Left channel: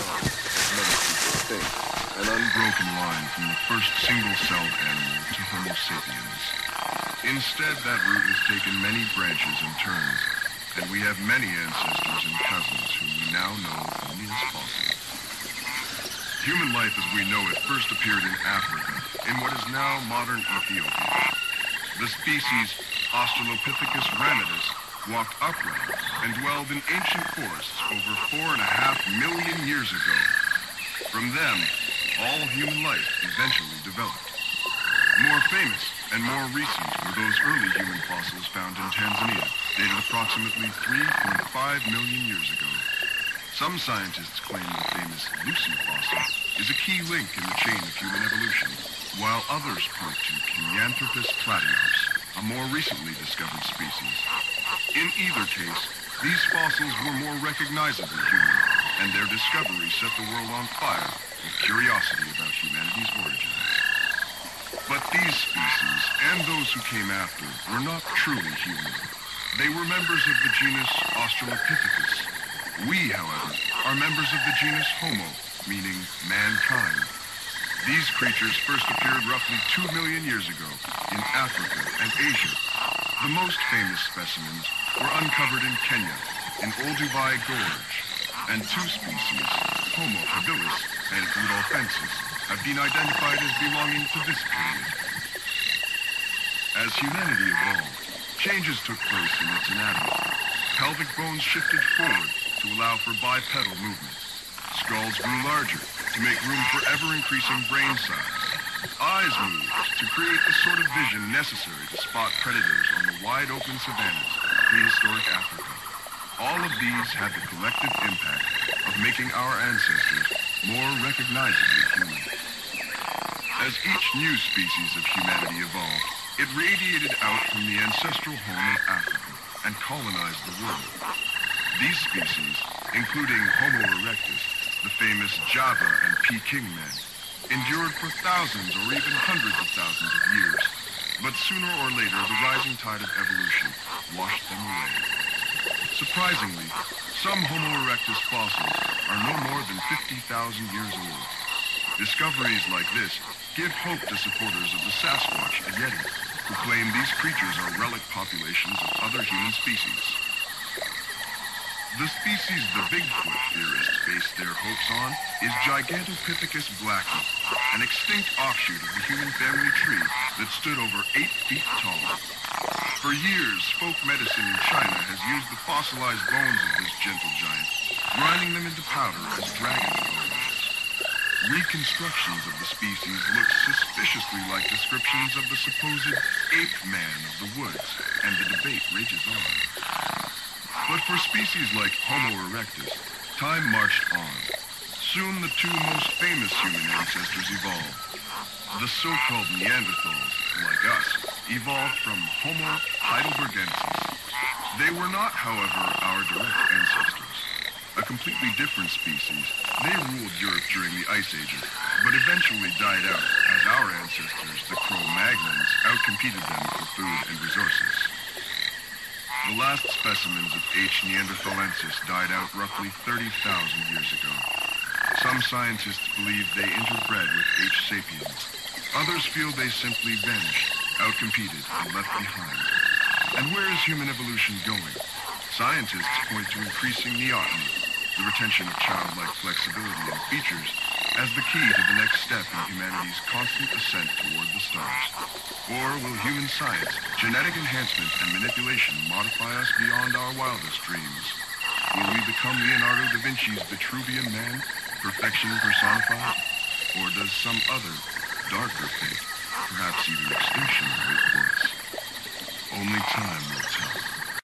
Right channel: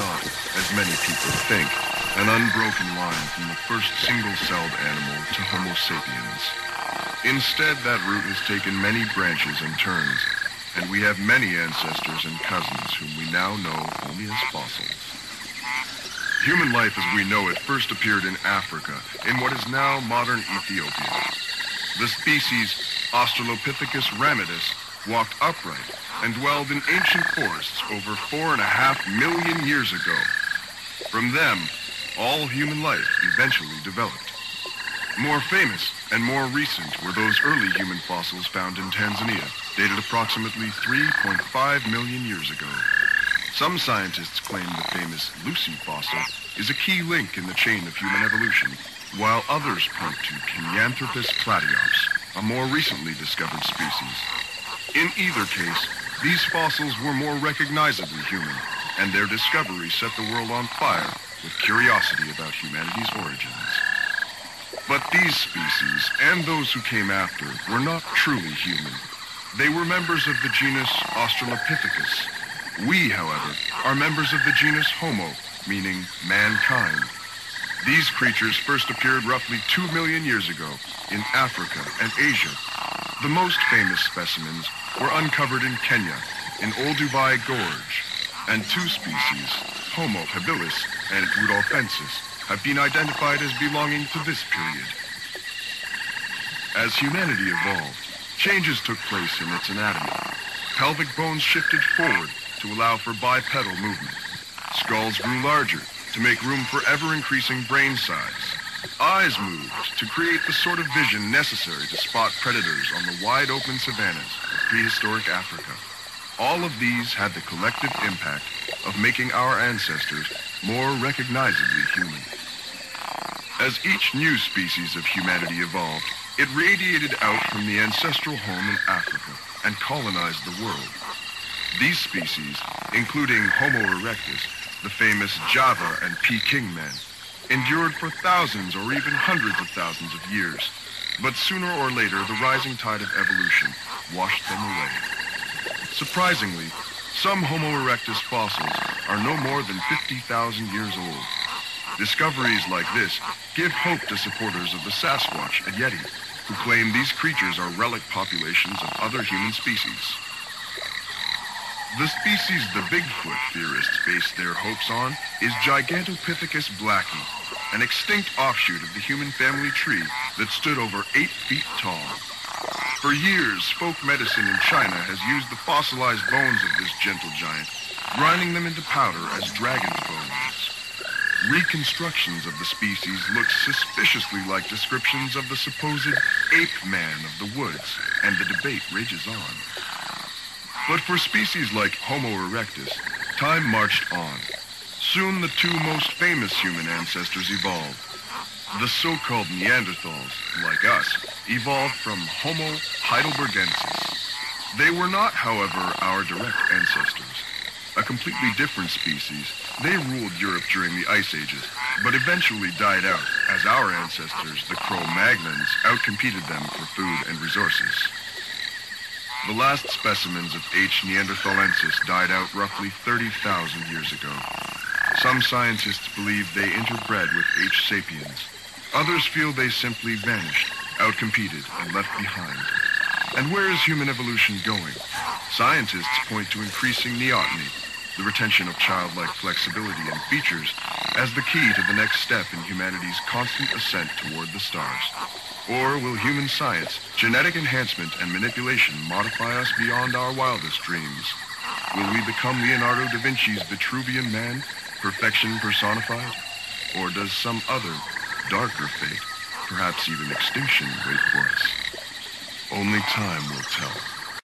not, as many people think, an unbroken line from the first single-celled animal to Homo sapiens. Instead, that route has taken many branches and turns, and we have many ancestors and cousins whom we now know only as fossils. Human life as we know it first appeared in Africa, in what is now modern Ethiopia. The species Australopithecus ramidus walked upright and dwelled in ancient forests over 4.5 million years ago. From them, all human life eventually developed. More famous and more recent were those early human fossils found in Tanzania, dated approximately 3.5 million years ago. Some scientists claim the famous Lucy fossil is a key link in the chain of human evolution, while others point to Kenyanthropus platyops, a more recently discovered species. In either case, these fossils were more recognizably human, and their discovery set the world on fire with curiosity about humanity's origins. But these species, and those who came after, were not truly human. They were members of the genus Australopithecus. We, however, are members of the genus Homo, meaning mankind. These creatures first appeared roughly 2 million years ago in Africa and Asia. The most famous specimens were uncovered in Kenya, in Olduvai Gorge, and two species, Homo habilis and Rudolfensis, have been identified as belonging to this period. As humanity evolved, changes took place in its anatomy. Pelvic bones shifted forward to allow for bipedal movement. Skulls grew larger to make room for ever-increasing brain size. Eyes moved to create the sort of vision necessary to spot predators on the wide-open savannas of prehistoric Africa. All of these had the collective impact of making our ancestors more recognizably human. As each new species of humanity evolved, it radiated out from the ancestral home in Africa and colonized the world. These species, including Homo erectus, the famous Java and Peking men, endured for thousands or even hundreds of thousands of years. But sooner or later, the rising tide of evolution washed them away. Surprisingly, some Homo erectus fossils are no more than 50,000 years old. Discoveries like this give hope to supporters of the Sasquatch and Yeti, who claim these creatures are relic populations of other human species. The species the Bigfoot theorists base their hopes on is Gigantopithecus blacki, an extinct offshoot of the human family tree that stood over 8 feet tall. For years, folk medicine in China has used the fossilized bones of this gentle giant, grinding them into powder as dragon's bones. Reconstructions of the species look suspiciously like descriptions of the supposed ape man of the woods, and the debate rages on. But for species like Homo erectus, time marched on. Soon the two most famous human ancestors evolved. The so-called Neanderthals, like us, evolved from Homo heidelbergensis. They were not, however, our direct ancestors. A completely different species, they ruled Europe during the Ice Ages, but eventually died out as our ancestors, the Cro-Magnons, outcompeted them for food and resources. The last specimens of H. neanderthalensis died out roughly 30,000 years ago. Some scientists believe they interbred with H. sapiens. Others feel they simply vanished, outcompeted, and left behind. And where is human evolution going? Scientists point to increasing neoteny, the retention of childlike flexibility and features, as the key to the next step in humanity's constant ascent toward the stars. Or will human science, genetic enhancement, and manipulation modify us beyond our wildest dreams? Will we become Leonardo da Vinci's Vitruvian Man, perfection personified? Or does some other, darker fate, perhaps even extinction, wait for us? Only time will tell.